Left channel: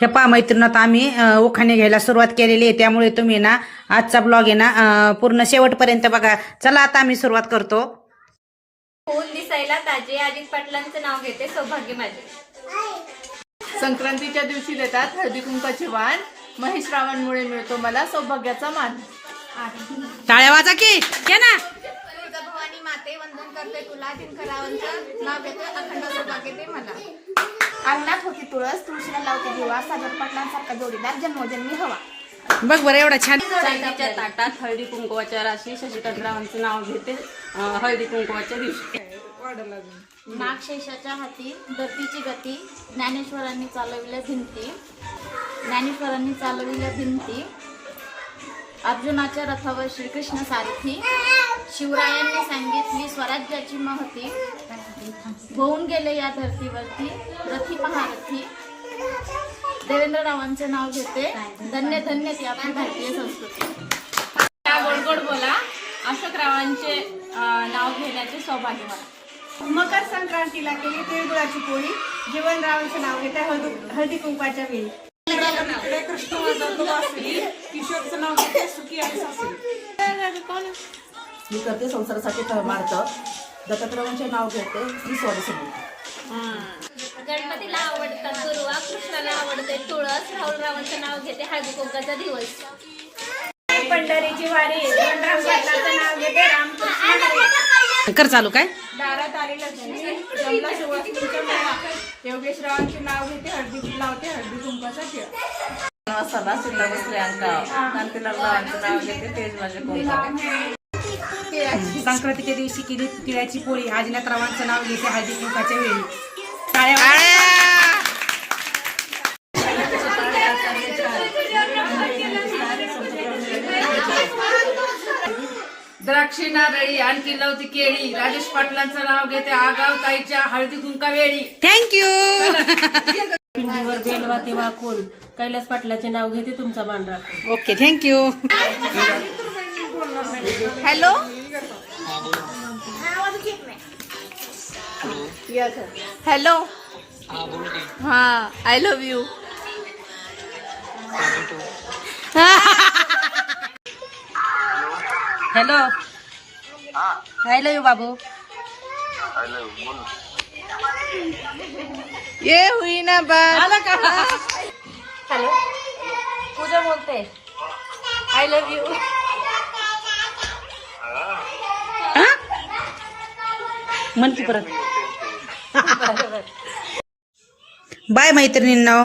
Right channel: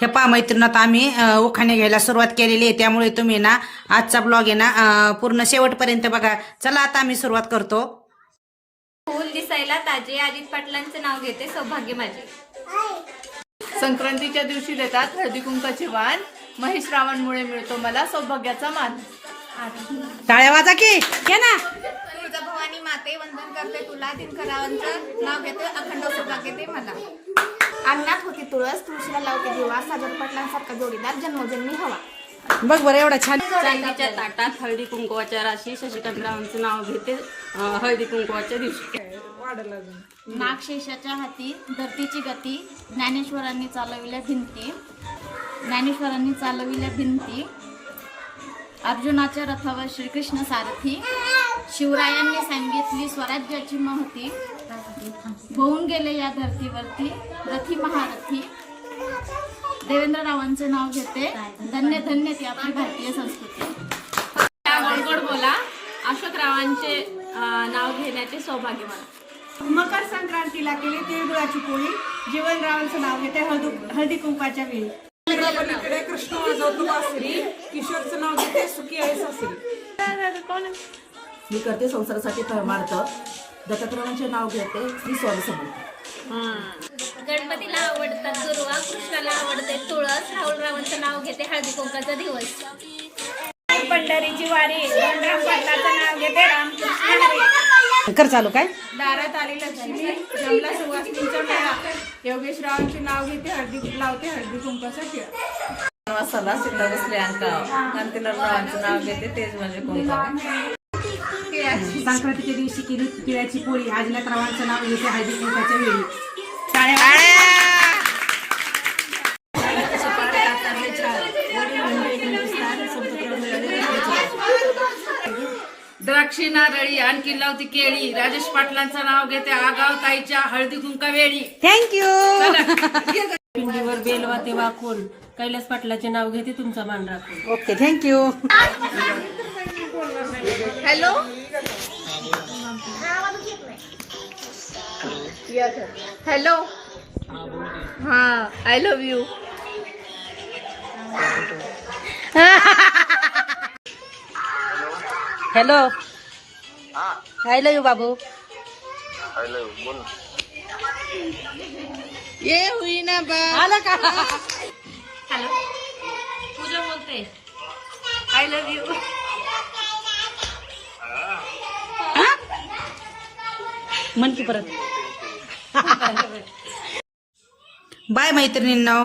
हे पहा मैत्रिणीत आम्ही उखाणे घ्यायला सुरुवात केलेली आहे, त्यामुळे तुम्ही ना आजचा ब्लॉग आहे ना पूर्ण शेवटपर्यंत बघा. चला आता आम्ही सुरुवात करतो. फूल दिसायला ताजे अजित पाटलांचं नाव घेते सौभाग्य माझे. संक्रांतीच्या दिवशी देतात हळदी कुंकाचे वाण, महेश रावणमुळे मिळतो मला सौभाग्याचा मान. टाळ्या वाजा की ना. तुळजाभवानी माते वंदन करते तुला, दिनकरांचं नाव घेते अखंड सौभाग्य ते मला. अंगणात होती तुळस तुळशीला लावते दिवा, सागर पाटलांसारखा जोडीदार जन्मोजन्मी हवा. बघ बरं एवढा छान. चांदीच्या ताटात हळदी कुंकवाच्या राशी, शशिकांतरावांचं नाव घेते हळदी कुंकवाच्या दिवशी. नागशेषाच्या हाती धरतीची गती, ज्ञानेश्वरांनी चालविल्या भिंती, ज्ञानेश्वरांनी चालविल्या भिंती. अर्जुनाच्या रथावर श्रीकृष्ण सारथी, शिवरायांनी सांगितली स्वराज्याची महती. होऊन गेले या धर्तीवरती रथी महारथी. देवेंद्ररावांचे नाव घेते धन्य धन्य ती आपली भारतीय संस्कृती. गोड गोड बोला, अशोकरावांचे नाव घेण्याचे सौभाग्य मला. मकर संक्रांतीला केली तिळगुळाची पोळी, जीवनरावांचं नाव घेते हळदी कुंकवाच्या वेळी. कृष्ण वाजवतो बासरी, किशोरचं नाव घेते सुखी आहे सासरी. मी करते संसारासाठी परमार्थ, दत्तात्रयांचे नाव घेते श्री स्वामी समर्थ. गणपतीला आवडतात दुर्वा, कृष्णाला आवडते तुळस, राहुलरावांचं नाव घेते हळदी कुंकाचा दिवस. पंढरीची वारी, धनराम पाटलाचं नाव घेते रामकृष्ण हरी. कर चालू काय. दारात आली लक्ष्मी, जमला सुवासिनीचा मेळा, योगेश रावांचे नाव घेते हळदी लावते हळदी कुंकाचा टिळा. मसाला सीता बसले अंका, कांतीलाल रावांचं नाव घेते तेज माझे कुंकवा. संक्रांतीच्या दिवशी केली तिळाची पोळी, आजनाथरावांचं नाव घेते हळदी कुंकाच्या वेळी. टाळ्या. द्राक्षी नारळी आणखी लावती केळी, राजेश पाटलांचं नाव घेते आगाव ताईच्या हळदी कुंका वेळी. थँक्यू. पिंडीवर बेलवा तेव्हा कोण, कैलास पाटलाचे नाव घेते तुमचा मान राखून. Okay thank you. हॅलो हॅलो हा I love you. Hello. I love you बाबू. ये हुई ना आला का. हॅलो पूजा बोलते. I love you. म्हणते परत. बाय मैत्रिणींना.